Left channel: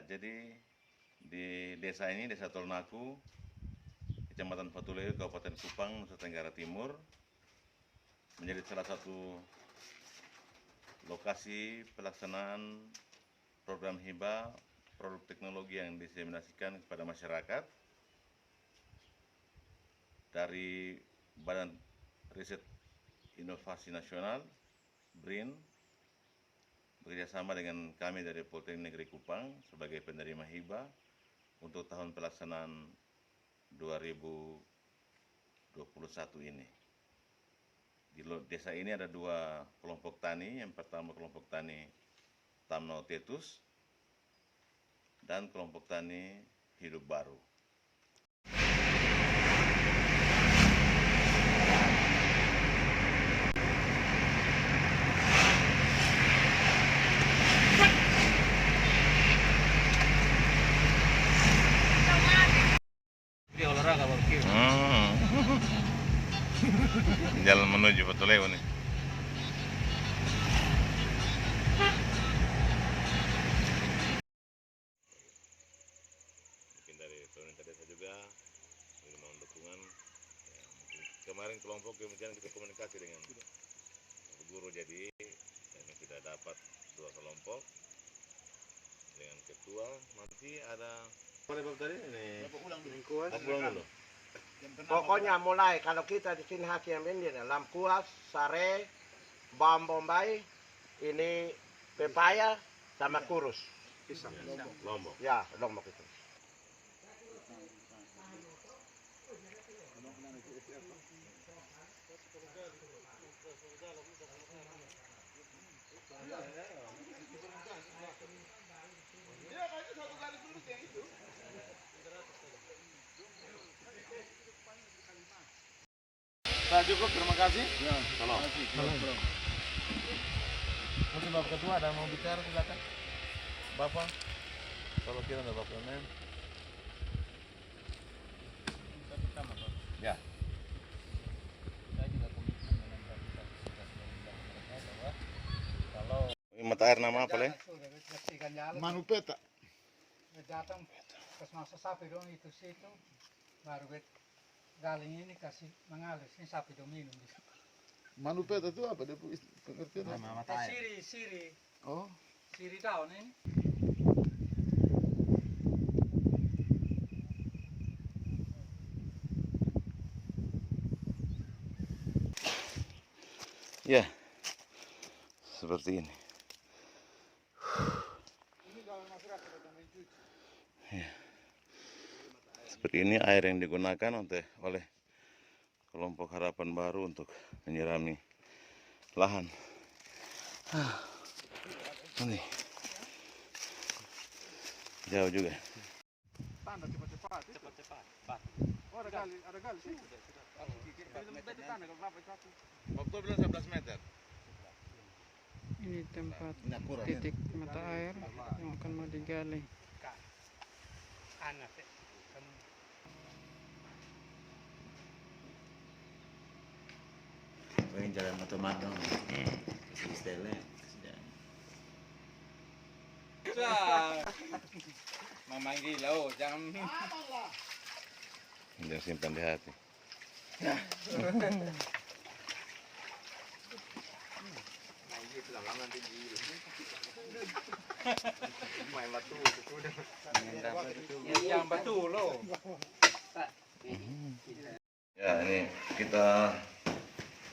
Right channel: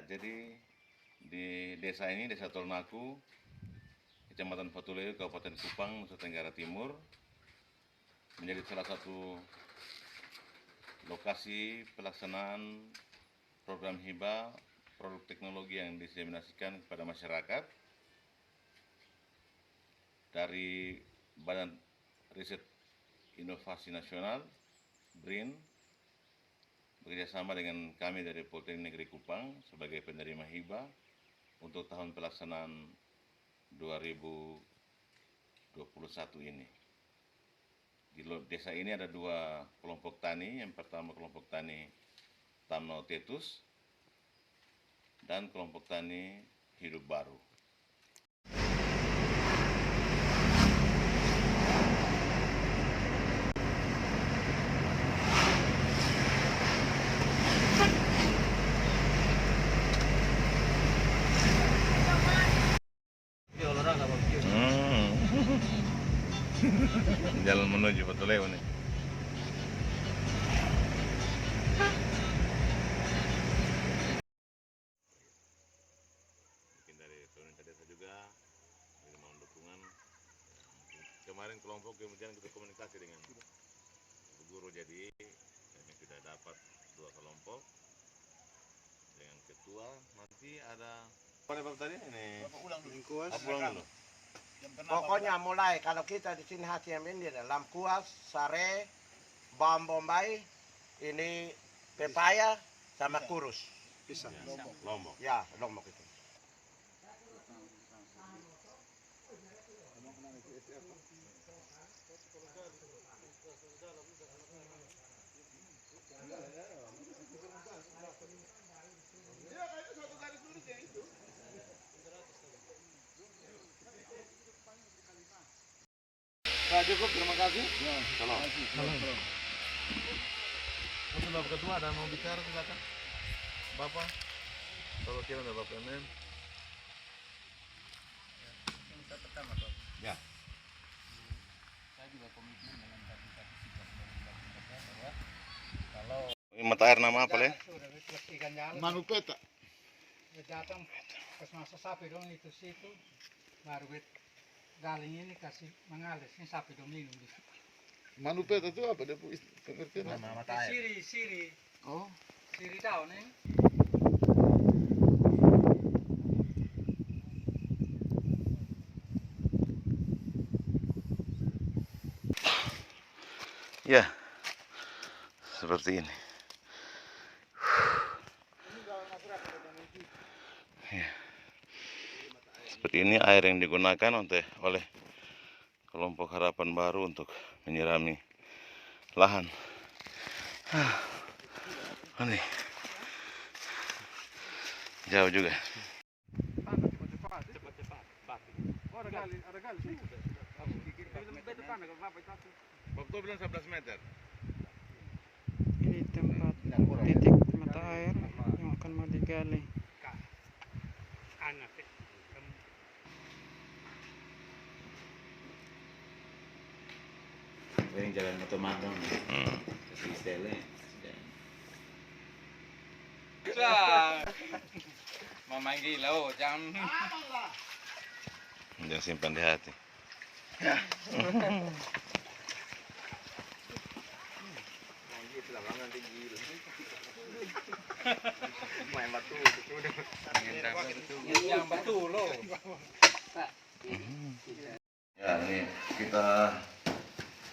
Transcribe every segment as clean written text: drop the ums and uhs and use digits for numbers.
Ya, jadi di desa ini, Desa Tolnaku, Kecamatan Fatuleu, Kabupaten Kupang, Nusa Tenggara Timur, menjadi salah satu lokasi pelaksanaan program hibah produk teknologi yang diseminasikan kepada masyarakat dari Badan Riset Inovasi Nasional BRIN bekerjasama dengan kami dari Politeknik Negeri Kupang sebagai penerima hibah untuk tahun pelaksanaan 2021 ini. Di desa ini ada dua kelompok tani. Yang pertama kelompok tani Tamnau Tetus dan kelompok tani Hidup Baru. Jalan menuju Fatuleu nih. Mungkin dari pemerintah desa juga mohon dukungan. Kemarin kelompok kemudian kita komunikasi dengan guru, jadi kami sudah dapat dua kelompok dengan ketua. Nanti ada mana bab tadi ini? Pulang dulu. Pokoknya mulai kalau kita di sini hasil ini lamkuas, sare, bawang bombay, ini pepaya sama kurus. Pisang. Lombok. Ya, lombok itu. Sudah cukup, terima kasih. Ya, Salam. Untuk Bapak Ketua ada mau bicara silakan. Bapak, kalau kira ada Bapak ini. Ya. Saya juga komitmen dengan tadi sudah bilang mereka bahwa kalau Mata air nama apa, Le? Manupeta. datang pas masa sapi dong itu situ baru galing ini kasih mengalir ini sapi dong minum di situ. Manupeta itu apa? Dia pengertian. nama mata air. Siri Oh, daun ini. Ya, seperti ini. Ya. Seperti ini air yang digunakan oleh kelompok Harapan Baru untuk menyirami lahan. Ini jauh juga. Waktu bilang 11 meter. Ini tempat titik mata air yang akan mau digali. Anak Yang jalan matang-matang. Istilahnya. Mama gila, oh jangan. Jangan simpan di hati. yang batu loh. Ya, ini kita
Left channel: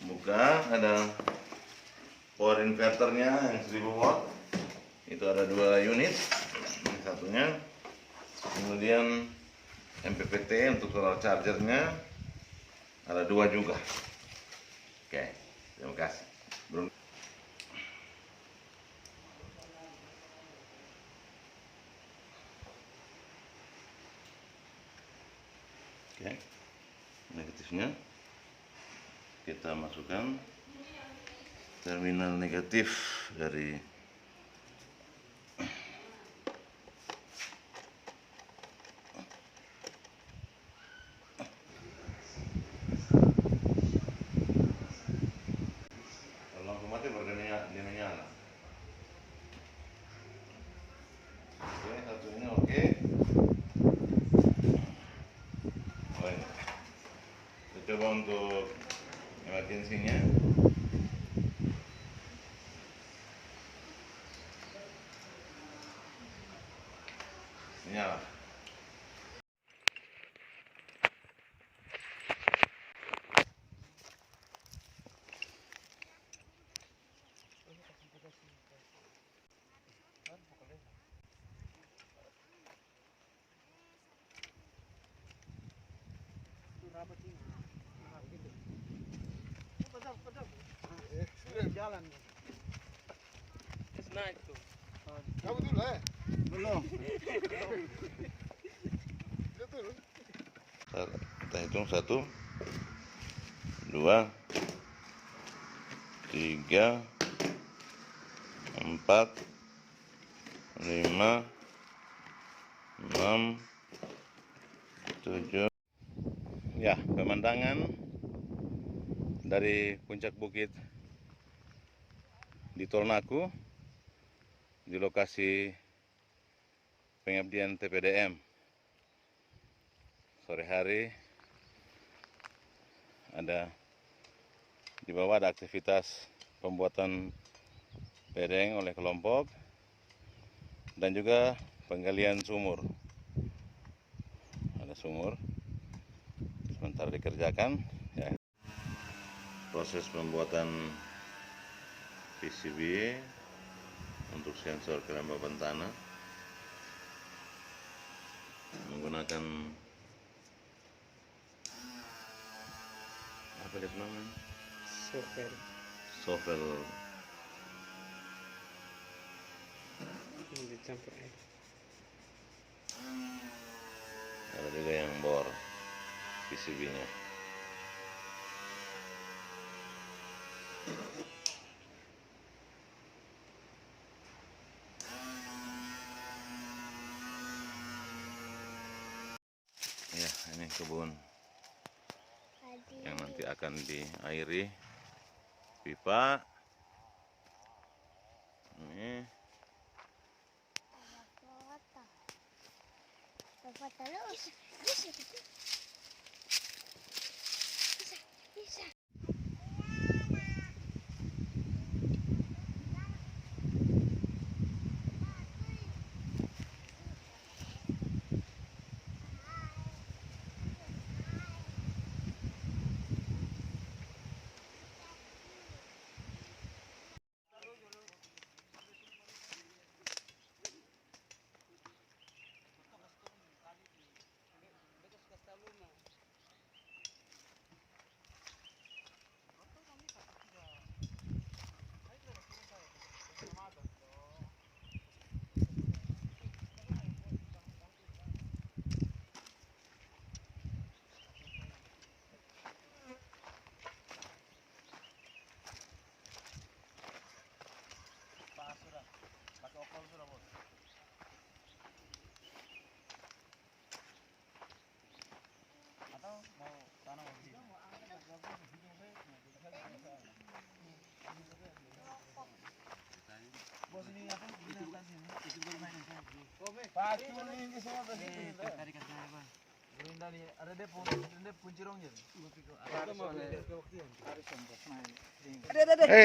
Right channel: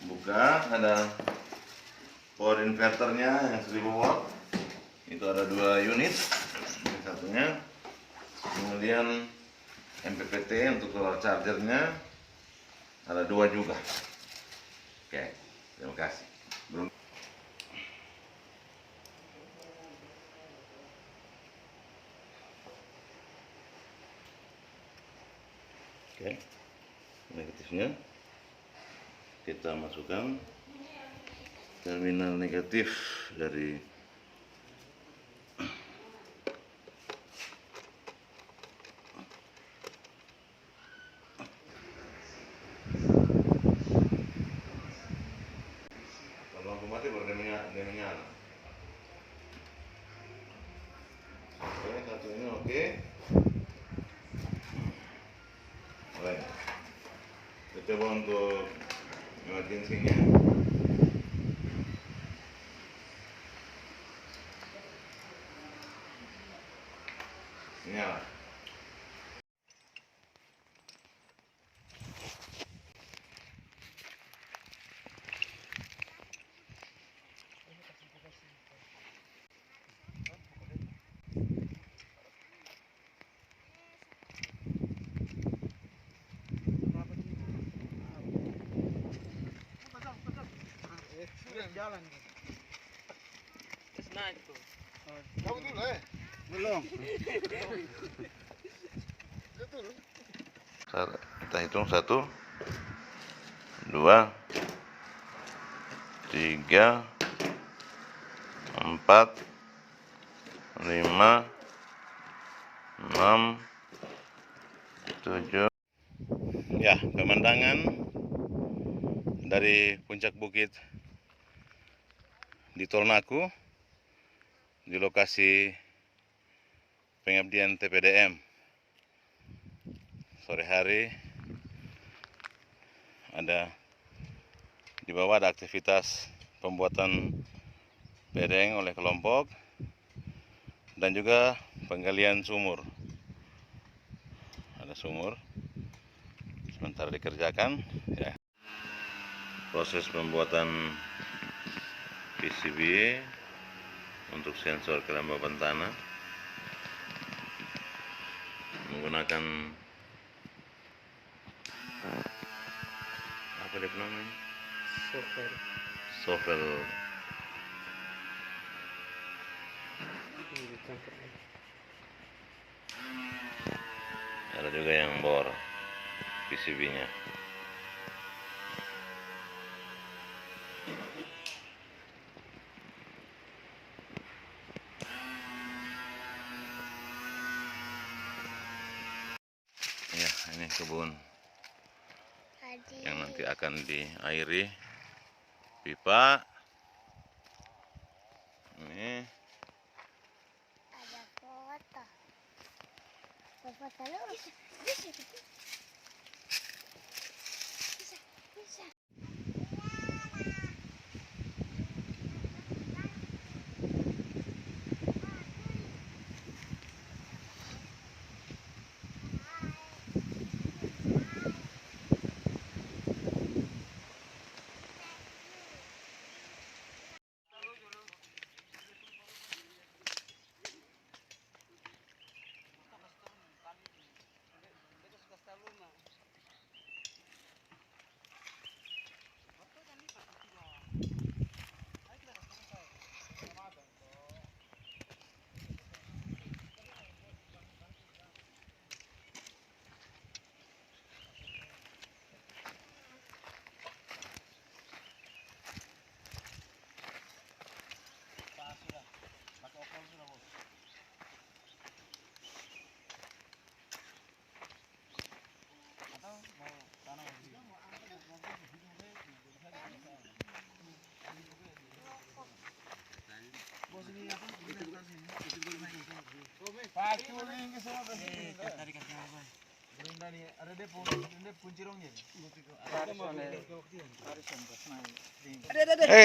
buka, ada power inverternya yang 1000 watt. Itu ada 2 unit. Ini satunya. Kemudian MPPT untuk solar chargernya ada 2 juga. Oke, terima kasih. Oke, negatifnya kita masukkan terminal negatif dari kalau lampu mati baru dia menyala. Ini satu ini Oke. Baik. Kita coba untuk emergensinya. Nyala. Jalan. Kamu dulu Belum. Kita hitung 1, 2, 3, 4, 5, 6, 7. Ya, pemandangan dari puncak bukit di Tolnaku di lokasi pengabdian TPDM. Sore hari di bawah ada aktivitas pembuatan bedeng oleh kelompok dan juga penggalian sumur. Ada sumur sementara dikerjakan ya. Proses pembuatan PCB untuk sensor kelembaban tanah menggunakan apa dia namanya? Sovel. Ada juga yang bor PCB-nya. Ya, ini kebun yang nanti akan diairi pipa. Ini Ada foto. Foto lu bisa. Bisa.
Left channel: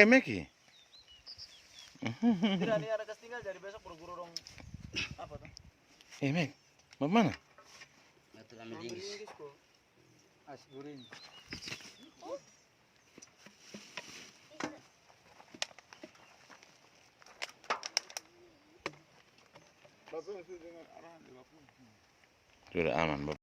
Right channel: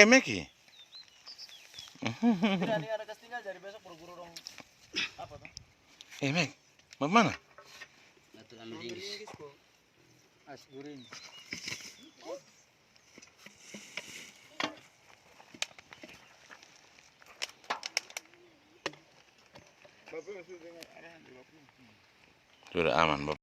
Meki. Tidak nih ada kas tinggal dari besok buru-buru dong apa tuh? Mek, mau mana? As guring. Sudah aman, Bapak.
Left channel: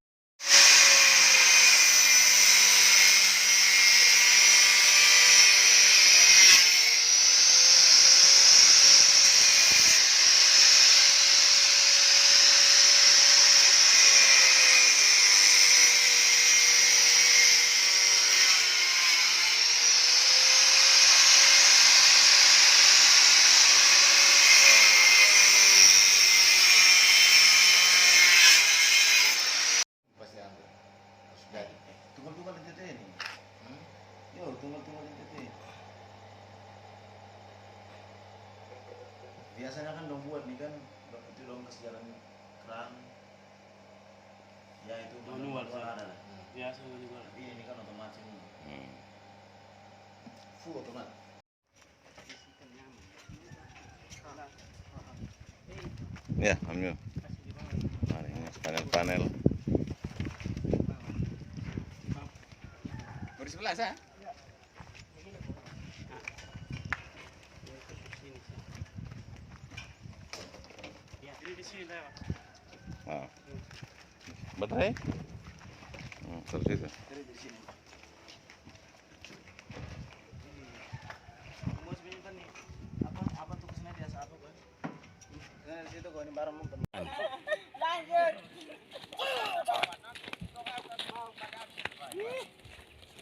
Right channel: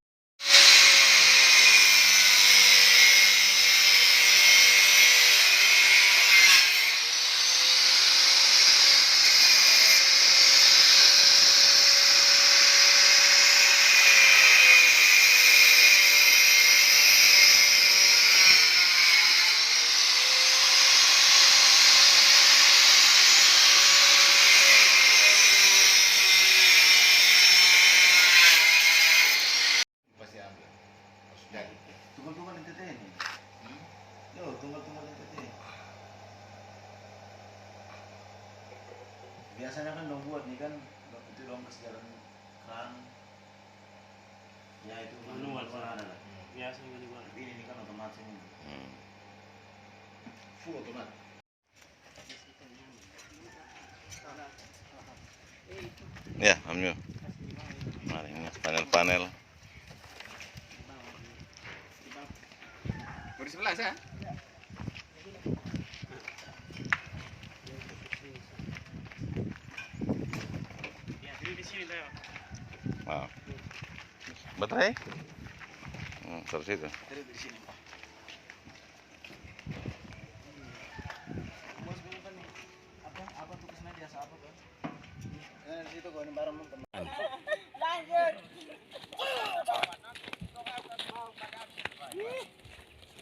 depan ya itu Manual, ada. biasa manual. Tapi ini kan otomatis ini. Full otomatis. Ya, ambil. Mari ini panel-panel. Di sebelah saya. Ya, di sini dah. Wow. Baterai? Terus itu. Dari sini. Bos beli nih. Apa tugas media apa, Bang? Di situ gua ini barang teman.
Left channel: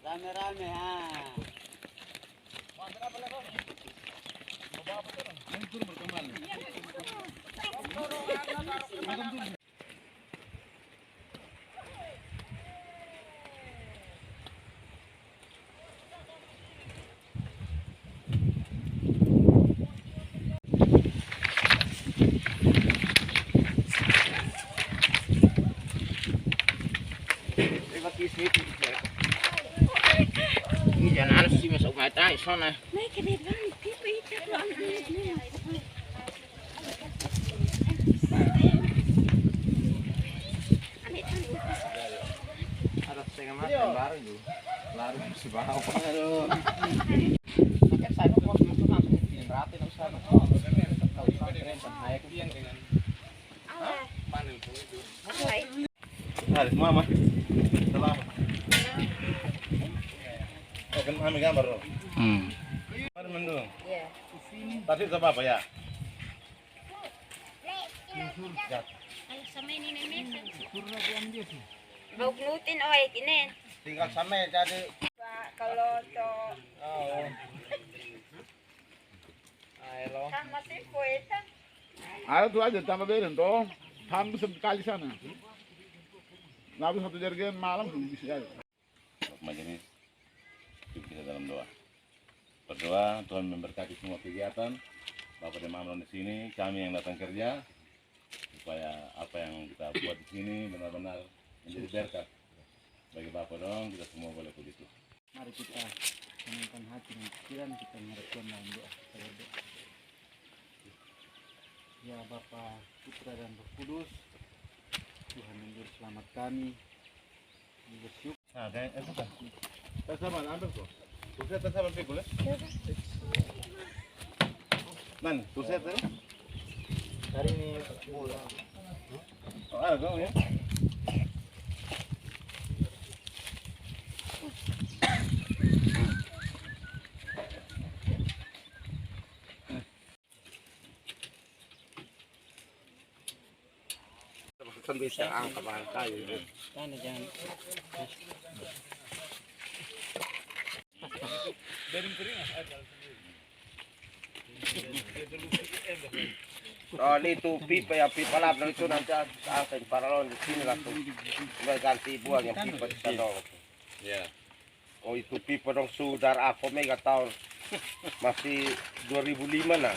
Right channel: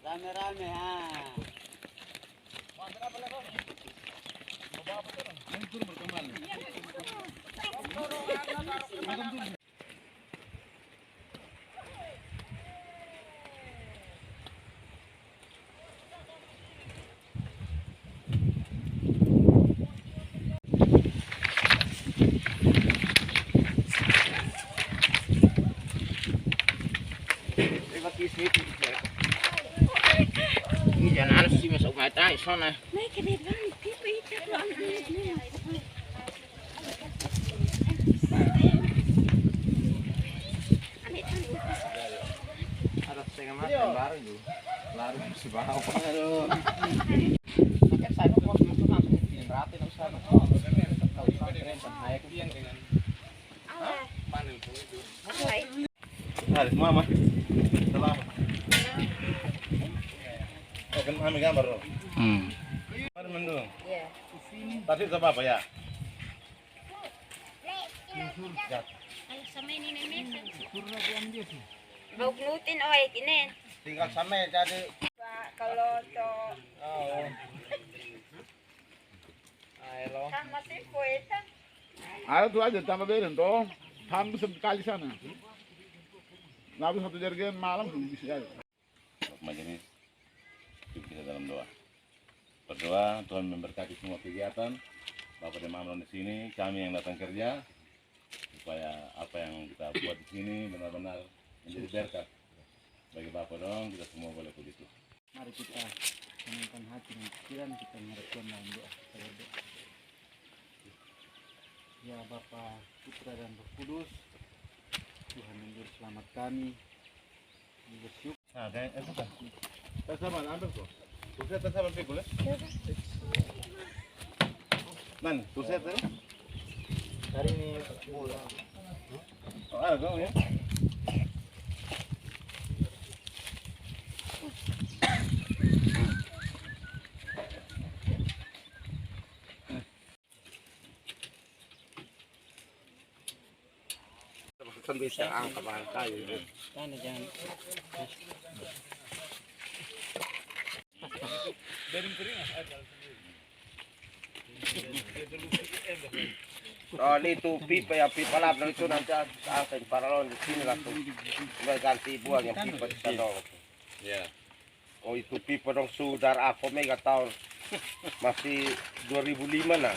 Rame-rame ha. Ini jangan sih masuk mata sana. Naik ke depan, kita itu anak-anaknya. Ada setengah mata baru itu. Lalu si bawah. Aduh. Pakai saya kok langsung rata langsung sana. Tahu keren saya kebiang dengan panel itu. Hari mama. Selamat. Kan ambil gambar dong. Mari mendung. Iya. Tadi apa ya? Ya. Kalau sama ini nenek. Bau gluten oi kinen. Tinggal sama jadi. Kalau to Oh. Ayo. sama si poeta. Ayo tuh aja tambah beren toh. Hampir sekali sana. Lalu satu jerigen malam tuh bisa aja. Majelis kita dalam doa. Berdoa Tuhan memberkati semua kegiatan Bapak dan Mama di sini, kami yang datang kerja, supaya apa yang kita buat di sini benar-benar menjadi berkat bagi Bapak dong. Kita semua boleh begitu. Mari kita tenangkan hati dan pikiran kita mengharapkan dalam doa. Saya doa. Ya Bapa, Putra dan Roh Kudus, Tuhan yang juru selamat kami, bersyukur. Nah, kayak itu kan. Sama ambil tuh. Tuset sama pikul ya? Man, tuset ya? Hari ini bola. Oh, ada kau ya? Kan bisa angkat kayu. Kan jangan. Oh, itu pipa ya pipa lap itu nanti angkat paralon di sini langsung ganti buang yang pipa di sana. Ya. Oh itu pipa dong sudah aku mega tahun masih 2005 nah.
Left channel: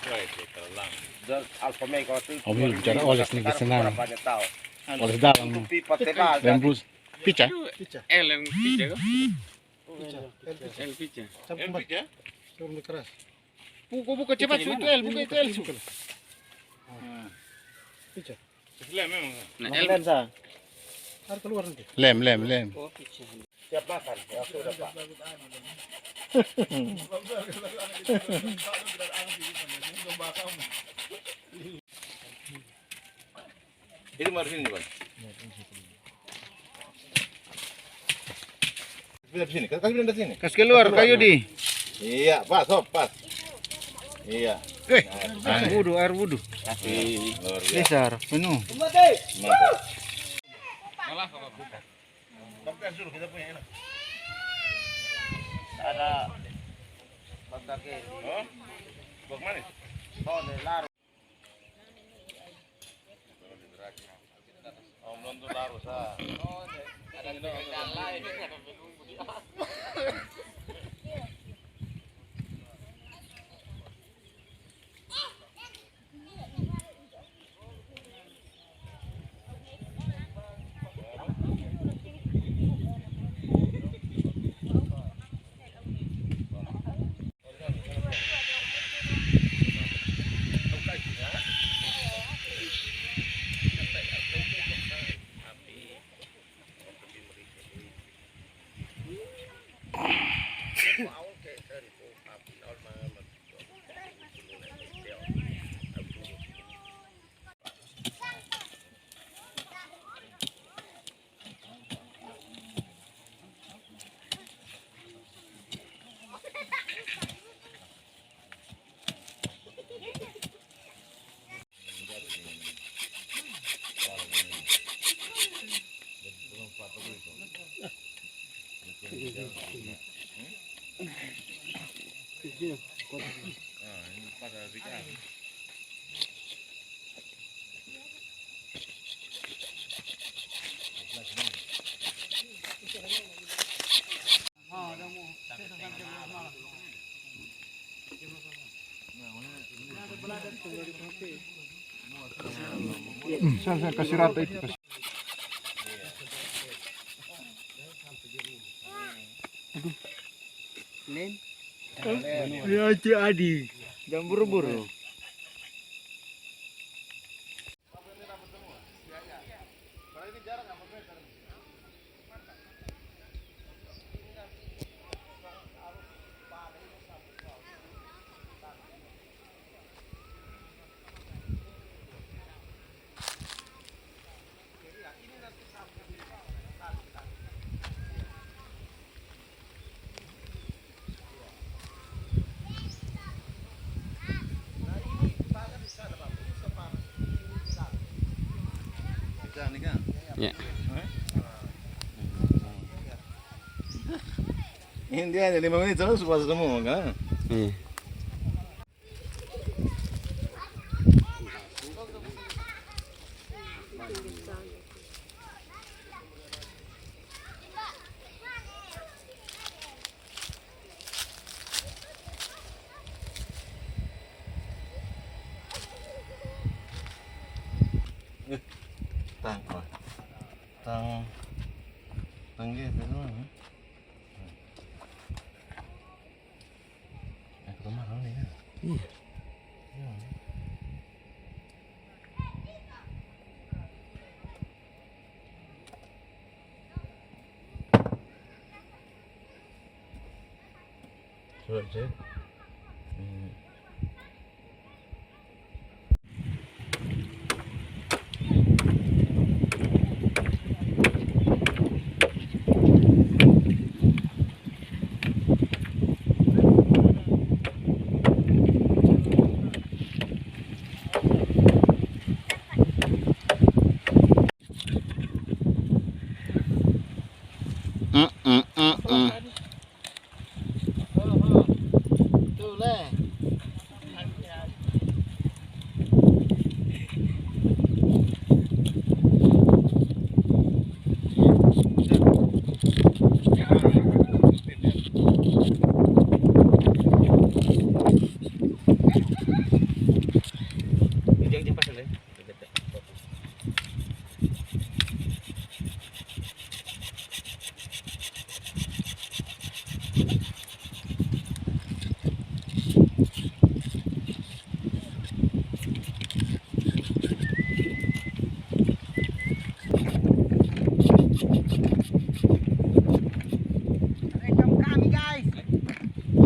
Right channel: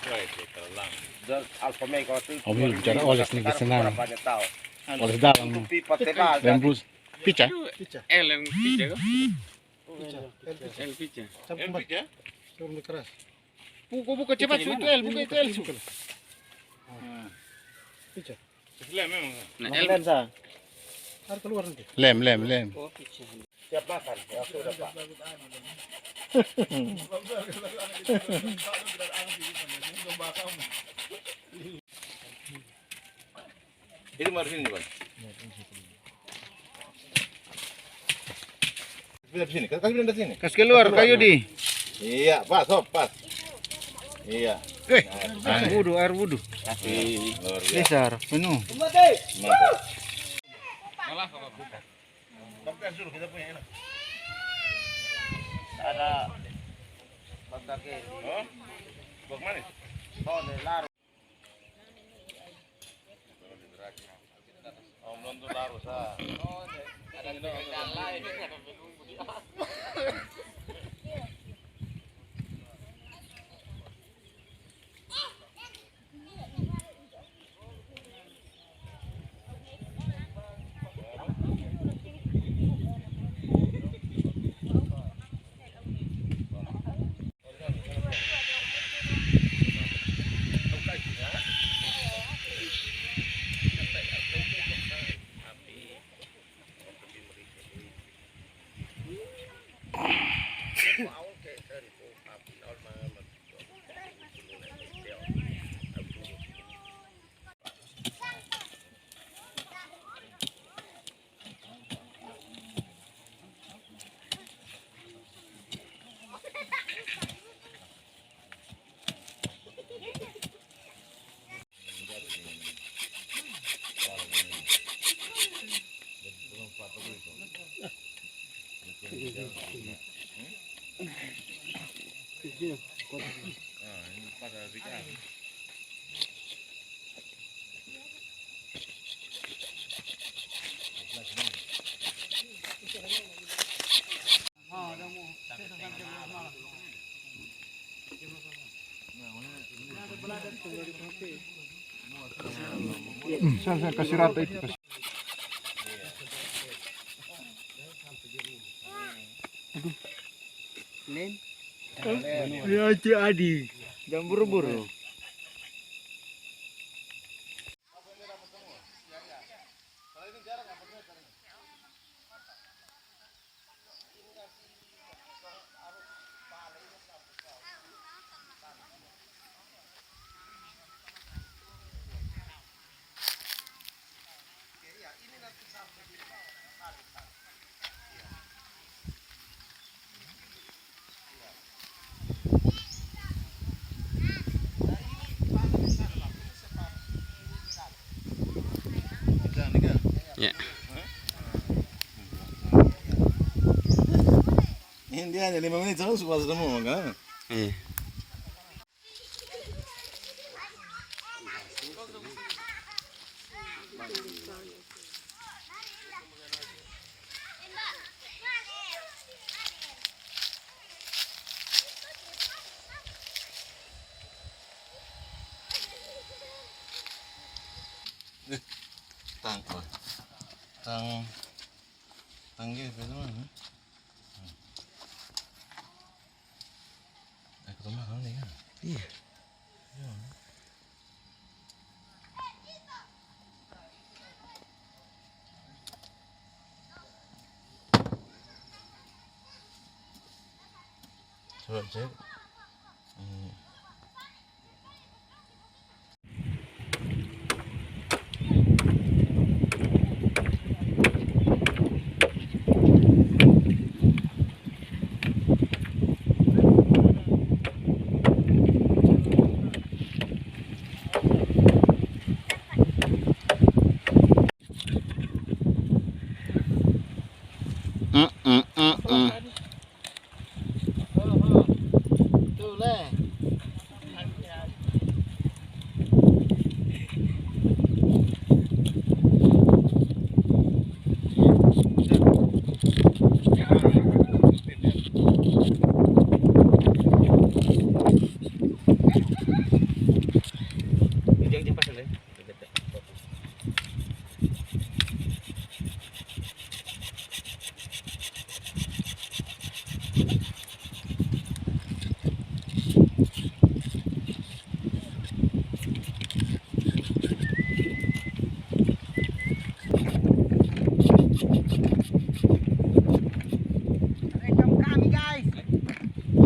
Wah, itu terlang. Dan Alfa Mega waktu itu. Oh, bicara oles nih kesenangan. Banyak tahun. Oles dalam. Itu pipa tebal. Dan bus. Pica. L yang pica kok? El pica. L pica? Turun keras. Buka cepat itu El, buka itu El. Lem memang. Nah, El sa. Harus keluar nanti. Lem. Siap makan. Ya sudah Pak. Itu mari sini, Bang. Kasih sini, kasih pindah sini. Kas keluar kayu di. Iya, pas, sob, pas. Iya. Air wudu. Kasih. Luar biasa. Besar, penuh. Mantap. Kompres dulu kita punya enak. Ada pakai Oh, bok manis. tone laru. Oh, belum tuh larus ah. Saya kasih rata itu. Ya Cik Adi, jangan buru-buru. Ya. Ini dia hanya 5 menit terus puas semua kan? Iya. Tang gitu mana? Ke rumah kan ini. Iya. Coba cek.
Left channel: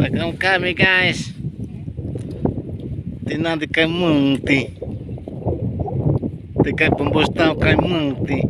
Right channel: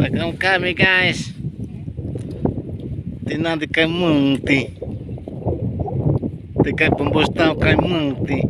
Welcome kami guys. Tinang di Mungti. Dekat pembostau Mungti.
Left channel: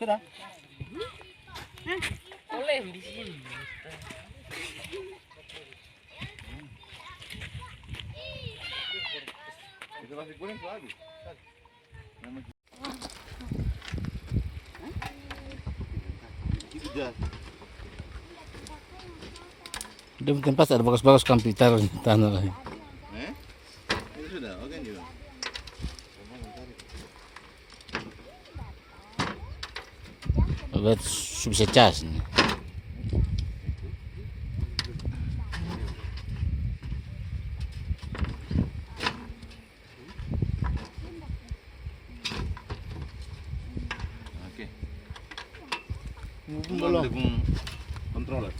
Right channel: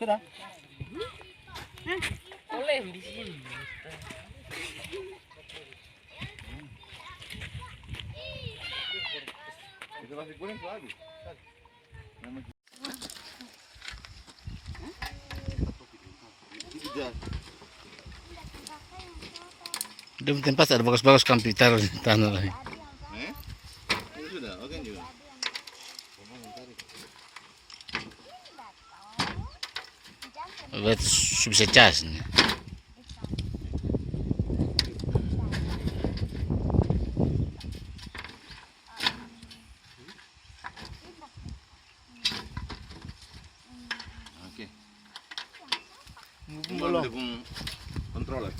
Sudah. Boleh di sini. Itu masih kuning tuh habis. Udah tempat ada bagus-bagus komputer tanah lagi. Itu sudah, oke juga. Buat bisa cas nih. belum controller.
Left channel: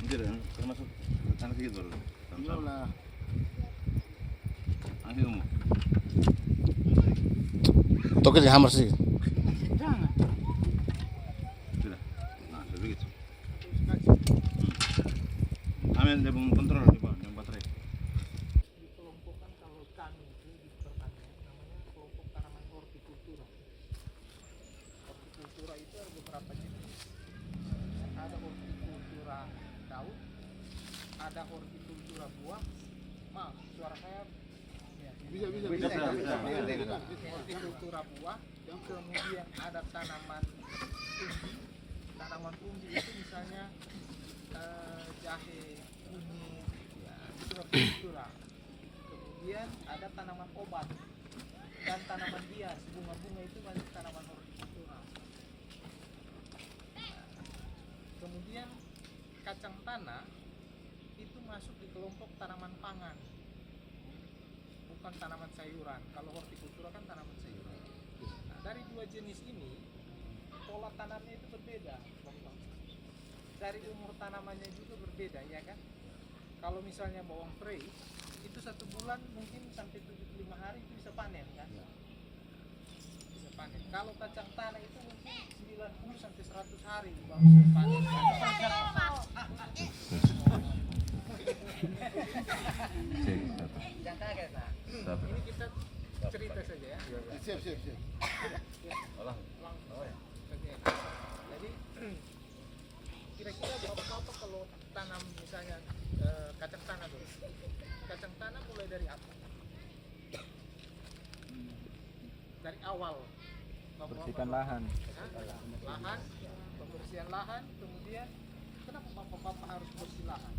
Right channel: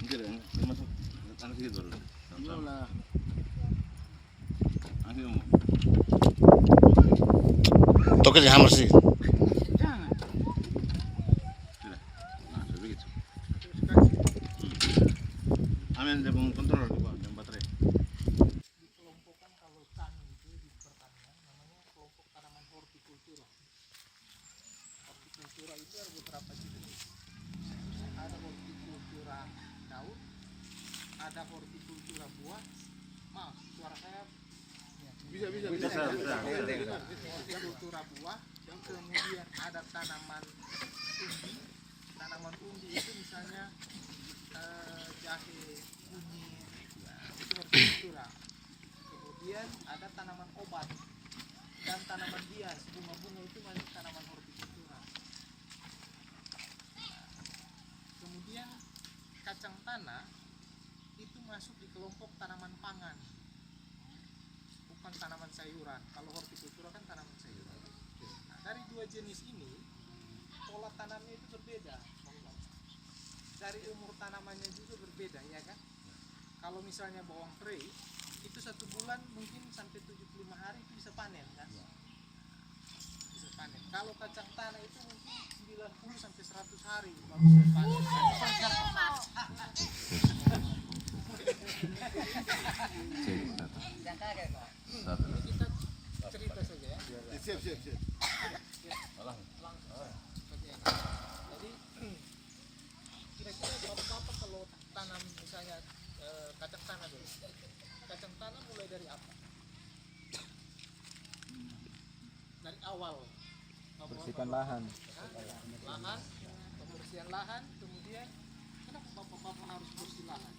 Anjir, masuk tanah sedikit baru. Belum lah. Angin umum. Toke di hammer sih. Jangan. Sudah. Nah, sudah begitu. Amin, dia bangun controller coba, yang baterai. Dikelompokkan kalau kami itu di pertanian namanya kelompok tanaman hortikultura. Hortikultura itu ada beberapa jenis. Ada hortikultura daun, ada hortikultura buah. Maaf, suara saya hortikultura buah, kemudian ada tanaman umbi. Tanaman umbi itu misalnya jahe, kunyit, ya, itu hortikultura. Kemudian ada tanaman obat dan tanaman hias, bunga-bunga itu masih tanaman hortikultura. Nah, kemudian kacang tanah itu masuk di kelompok tanaman pangan, bukan tanaman sayuran. Kalau hortikultura kan tanaman sayuran. Nah, dari dua jenis ini pola tanamnya itu berbeda. Dari umur tanamannya juga berbeda, ya kan? Kalau misalnya bawang tray itu 1 bulan mungkin sampai 75 hari itu bisa panen, kan? Bisa panen. Kalau kacang tanah itu mungkin 90 sampai 100 hari baru bisa panen. Jangan kaget, Pak. Ini kita cerita saja ya. Siap. Langsung. Oke. Jadi kira-kira bapak-bapak kalau tanam misalnya kacang tanah dulu. Kacang tanah mulai dari apa? Dari awal. Bersihkan lahan. Lahan, pembersihan lahan, kemudian kenapa bapak-bapak harus bersih lahan?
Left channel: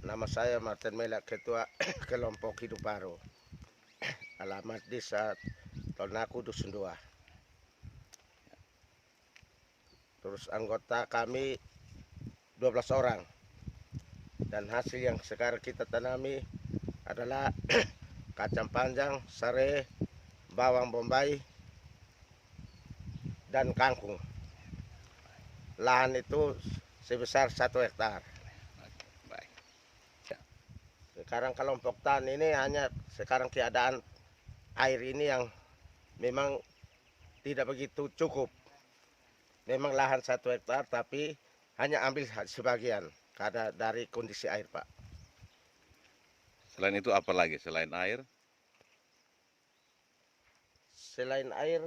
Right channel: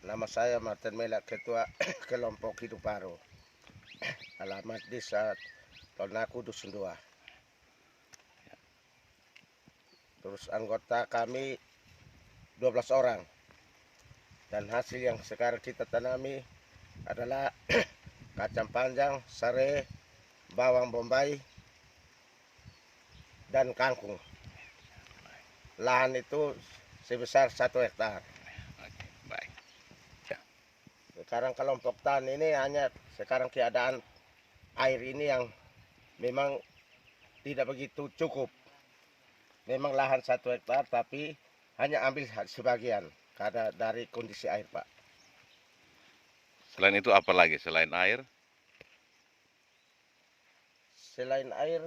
Nama saya Martin Melak, Ketua Kelompok Hidup Baru. Alamat Desa Tonaku, Dusun 2. Terus anggota kami 12 orang. Dan hasil yang sekarang kita tanami adalah kacang panjang, serai, bawang bombay, dan kangkung. Lahan itu sebesar 1 hektar. Oke, baik. Sekarang kelompok tani ini hanya sekarang keadaan air ini yang memang tidak begitu cukup. Memang lahan 1 hektar tapi hanya ambil sebagian karena dari kondisi air, Pak. Selain itu apa lagi selain air? Selain air,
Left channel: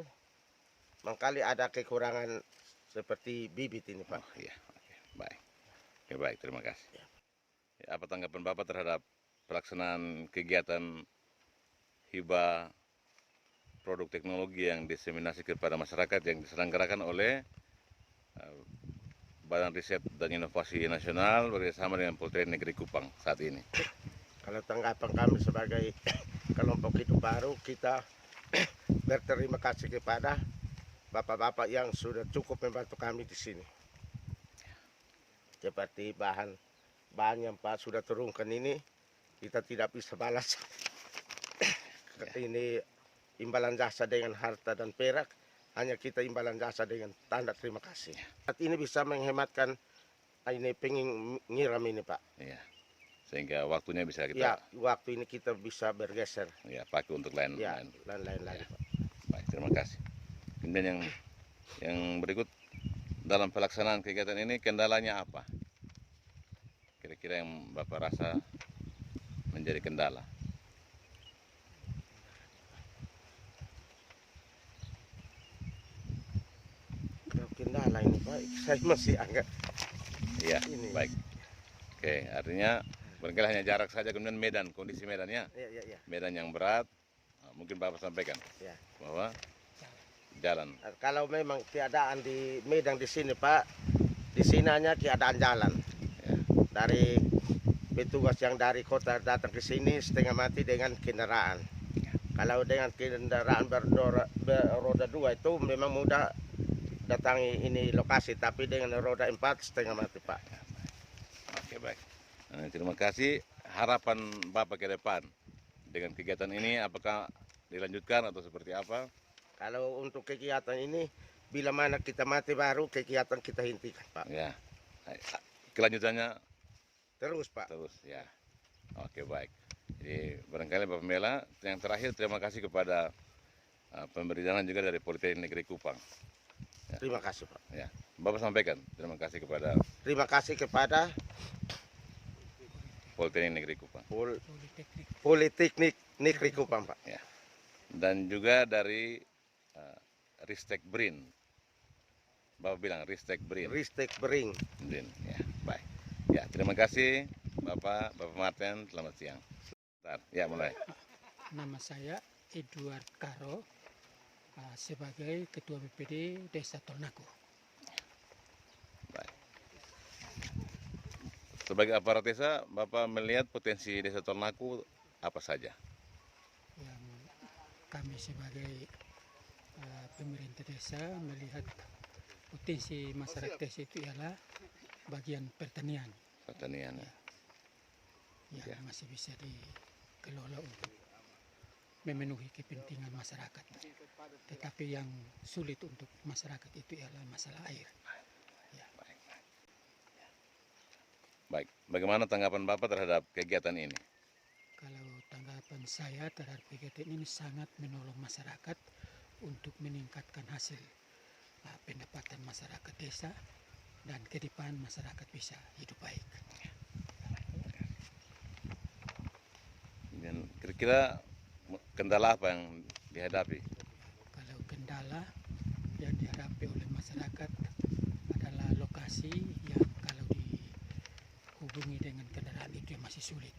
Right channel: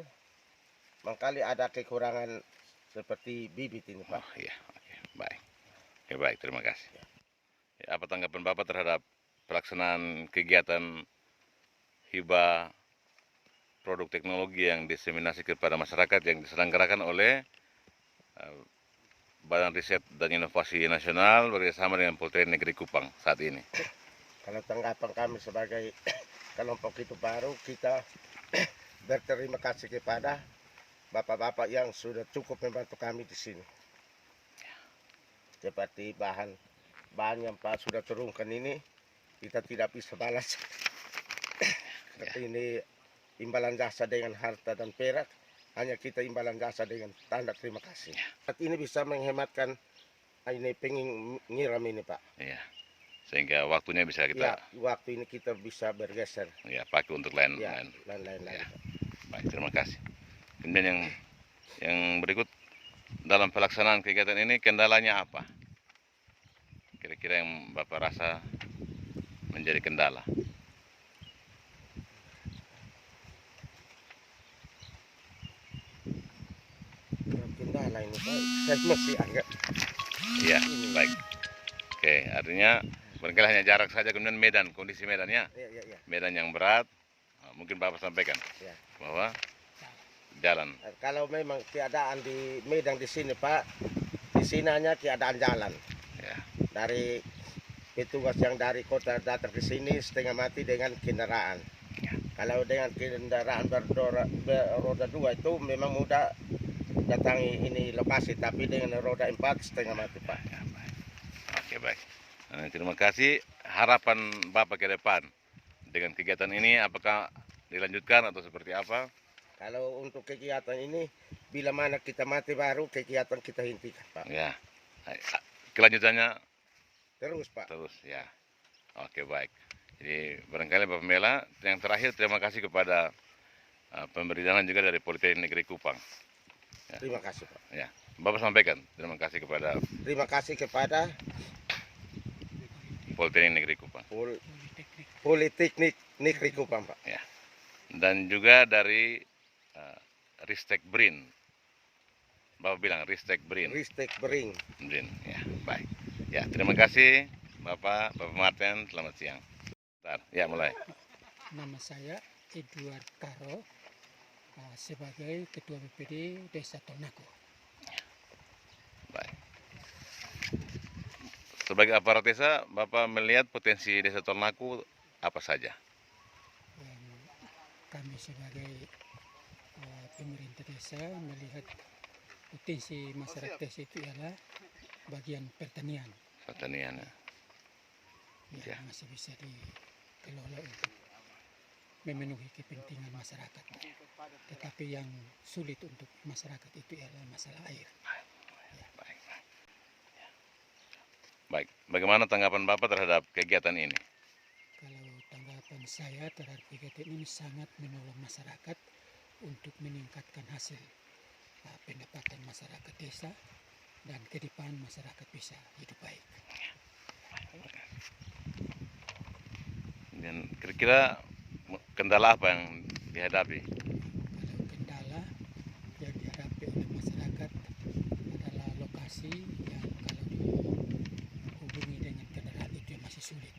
mangkali ada kekurangan seperti bibit ini, Pak. Oh iya, oke, baik. Oke, baik, terima kasih. Ya, apa tanggapan Bapak terhadap pelaksanaan kegiatan hibah produk teknologi yang diseminasi kepada masyarakat yang diselenggarakan oleh Badan Riset dan Inovasi Nasional bekerjasama dengan Politeknik Negeri Kupang saat ini? Kalau tanggapan kami sebagai kelompok itu baru, kita berterima kasih kepada bapak-bapak yang sudah cukup membantu kami di sini. Seperti bahan yang Pak sudah turunkan ini, kita tidak bisa balas. Ini imbalan jasa dengan harta dan perak, hanya kita imbalan jasa dengan tanda terima kasih. Saat ini bisa menghematkan ini pengiram ini, Pak. Iya. Sehingga waktunya bisa Ya, kita waktu ini kita bisa bergeser. ya pakai untuk lain Ya, lain. lain-lain lagi, Ya. Pak. Baik, terima kasih. Kemudian yang berikut, dalam pelaksanaan kegiatan ini kendalanya apa? Kira-kira yang Bapak rasa menjadi kendala? Kendala ini, Pak, saya masih agak Iya, ini. baik. Oke, artinya barangkali hanya jarak saja, kemudian medan, kondisi medannya, Ya. medan yang berat, mungkin Bapak sampaikan Ya. bahwa jalan. Kalau memang keadaan di Medan di sini, Pak, di sini hanya keadaan jalan. Ya. Dari petugas yang dari kota datang ke sini setengah mati dengan kendaraan. Kalau dengan kendaraan beroda 2 itu memang mudah datangi ini lokasi, tapi dengan roda 4 setengah mati, Pak. Ya, baik. Oke, baik. Nah, terima kasih. Harapan Bapak ke depan dengan kegiatan ini, apakah dilanjutkan atau seperti apa? Kalau untuk kegiatan ini, bila mana kita mati baru kegiatan kita hentikan, Pak. Ya, kelanjutannya Terus, Pak. terus ya. Oke, baik. Jadi barangkali Bapak Mela, yang terakhir terima kasih kepada pemberi dana juga dari Politeknik Negeri Kupang. Ya. Terima kasih, Pak. Ya, Bapak sampaikan terima kasih kepada Terima kasih kepada Politeknik Negeri Kupang. Politeknik Negeri Kupang, Pak. Ya. Dan juga dari Ristek Brin. Bapak bilang Ristek Brin. Ristek Bering. Brin, ya, baik. Ya, terima kasih Bapak Martin, selamat siang. Bentar, ya mulai. Nama saya Edward Karo, sebagai Ketua BPD Desa Tolnako. Baik. Sebagai aparat desa, Bapak melihat potensi Desa Tolnaku apa saja? Yang kami sebagai pemerintah desa melihat potensi masyarakat desa itu ialah bagian pertanian Pertanian. Ya. yang masih bisa dikelola untuk memenuhi kepentingan masyarakat. Tetapi yang sulit untuk masyarakat itu ialah masalah air. Baik. Ya. Baik, bagaimana tanggapan Bapak terhadap kegiatan ini? Kalau tanggapan saya terhadap kegiatan ini sangat menolong masyarakat untuk meningkatkan hasil pendapatan masyarakat desa dan ke depan masyarakat bisa hidup baik. Dan kira-kira kendala apa yang dihadapi? Kalau kendala yang dihadapi oleh masyarakat adalah lokasi yang kalau dihubungi dengan kendaraan itu yang masih sulit.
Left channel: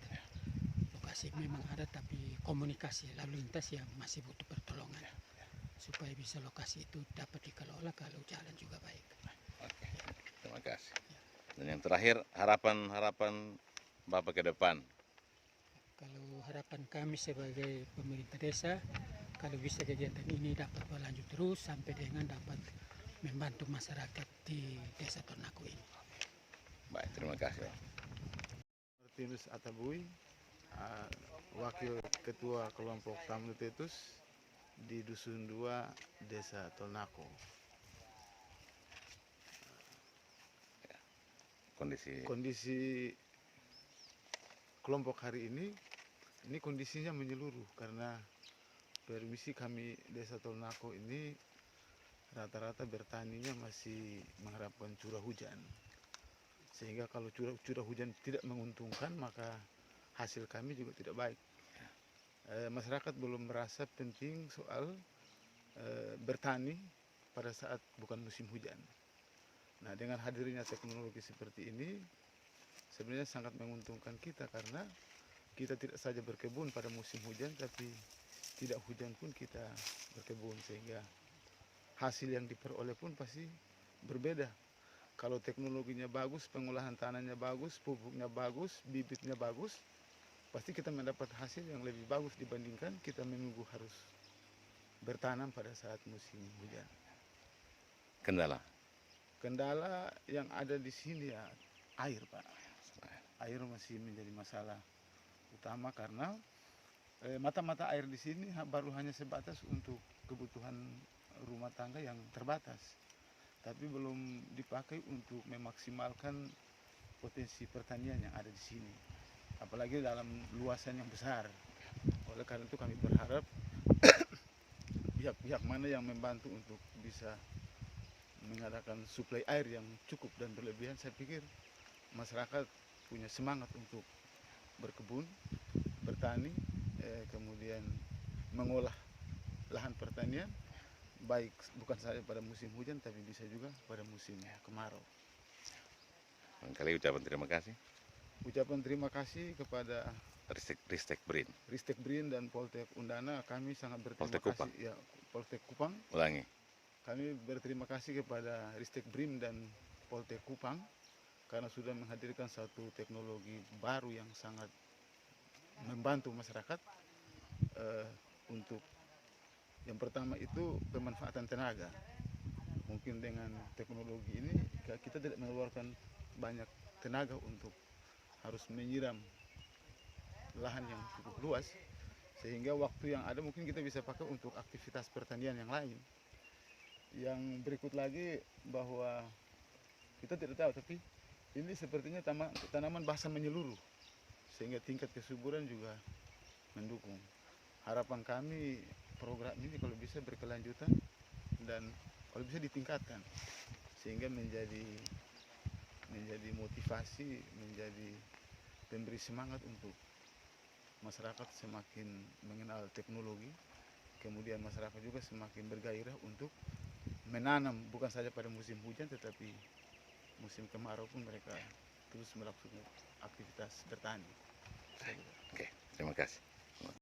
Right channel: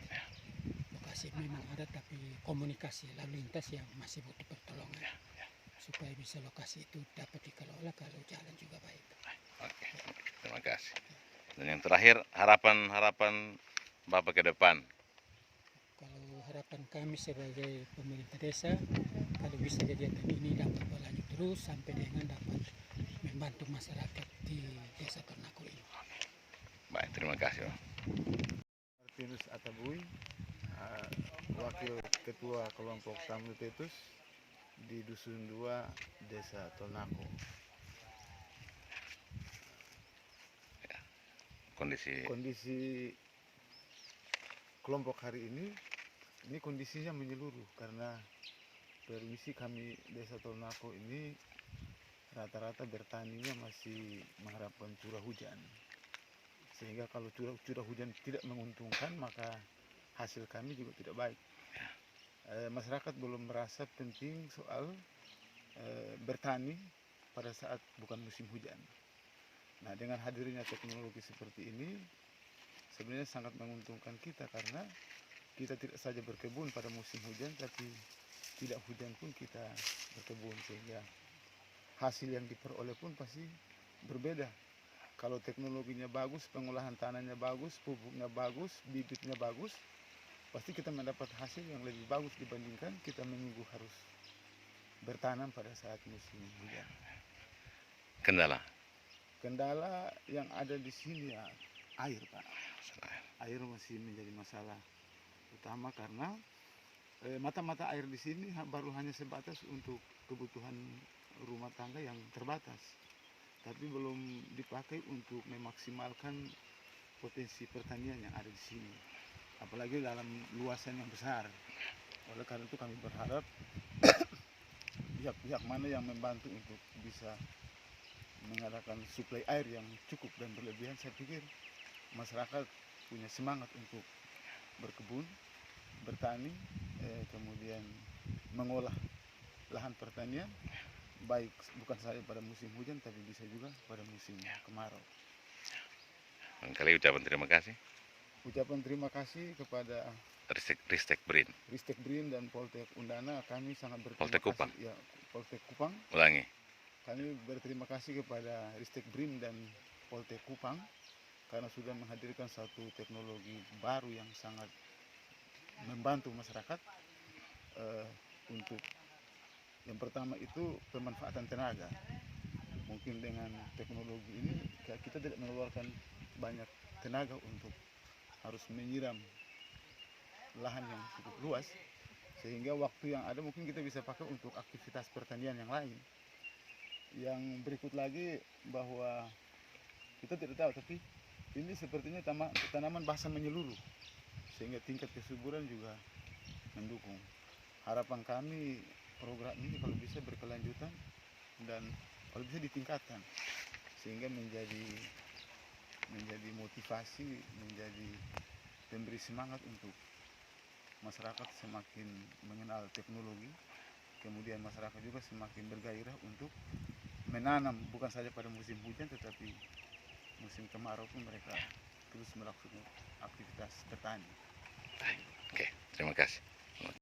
Lokasi memang ada tapi komunikasi lalu lintas yang masih butuh pertolongan supaya bisa lokasi itu dapat dikelola kalau jalan juga baik. Oke, terima kasih. Dan yang terakhir, harapan Bapak ke depan. Kalau harapan kami sebagai pemerintah desa, kalau bisa kegiatan ini dapat berlanjut terus sampai dengan dapat membantu masyarakat di Desa Tornako ini. Baik, terima kasih. Martinus Atabui, Wakil Ketua Kelompok Tamlu Tetus di Dusun 2, Desa Tornako. Kondisi kelompok hari ini kondisinya menyeluruh karena permisi kami Desa Tornako ini rata-rata bertaninya masih mengharapkan curah hujan. Sehingga kalau curah hujan tidak menguntungkan maka hasil kami juga tidak baik. Masyarakat belum merasa penting soal bertani pada saat bukan musim hujan. Nah, dengan hadirnya teknologi seperti ini sebenarnya sangat menguntungkan kita karena kita tidak saja berkebun pada musim hujan, tapi tidak hujan pun kita berkebun, sehingga hasil yang diperoleh pun pasti berbeda. Kalau teknologinya bagus, pengolahan tanahnya bagus, pupuknya bagus, bibitnya bagus, pasti kita mendapat hasil yang lebih bagus dibandingkan kita menunggu harus bertanam pada saat musim hujan. Kendala yang ada di sini ya air, Pak. Air masih menjadi masalah utama karena mata-mata air di sini baru hanya sebatas untuk kebutuhan rumah tangga yang terbatas, tapi belum dipakai untuk memaksimalkan potensi pertanian yang ada di sini, apalagi dalam luasan yang besar. Oleh karena itu kami berharap pihak-pihak mana yang membantu untuk bisa mengadakan suplai air yang cukup dan berlebihan, saya pikir masyarakat punya semangat untuk berkebun, bertani, kemudian mengolah lahan pertanian, baik bukan saja pada musim hujan tapi bisa juga pada musim kemarau. Kali ucapan terima kasih. Ucapan terima kasih kepada Ristek Brin dan Poltek Undana. Kami sangat berterima Poltek Kupang. kasih. Ya, Poltek Kupang. Ulangi. Kami berterima kasih kepada Ristek Brin dan Poltek Kupang karena sudah menghadirkan satu teknologi baru yang sangat membantu masyarakat untuk yang pertama itu pemanfaatan tenaga. Mungkin dengan teknologi ini kita tidak mengeluarkan banyak tenaga untuk harus menyiram lahan yang cukup luas, sehingga waktu yang ada mungkin kita bisa pakai untuk aktivitas pertanian yang lain. Yang berikut lagi bahwa kita tidak tahu, tapi ini sepertinya tanaman basah menyeluruh, sehingga tingkat kesuburan juga mendukung. Harapan kami program ini kalau bisa berkelanjutan dan kalau bisa ditingkatkan, sehingga menjadi motivasi, menjadi pemberi semangat untuk masyarakat semakin mengenal teknologi, kemudian masyarakat juga semakin bergairah untuk menanam bukan saja pada musim hujan tetapi musim kemarau pun mereka terus melakukan aktivitas bertani. Oke, terima kasih.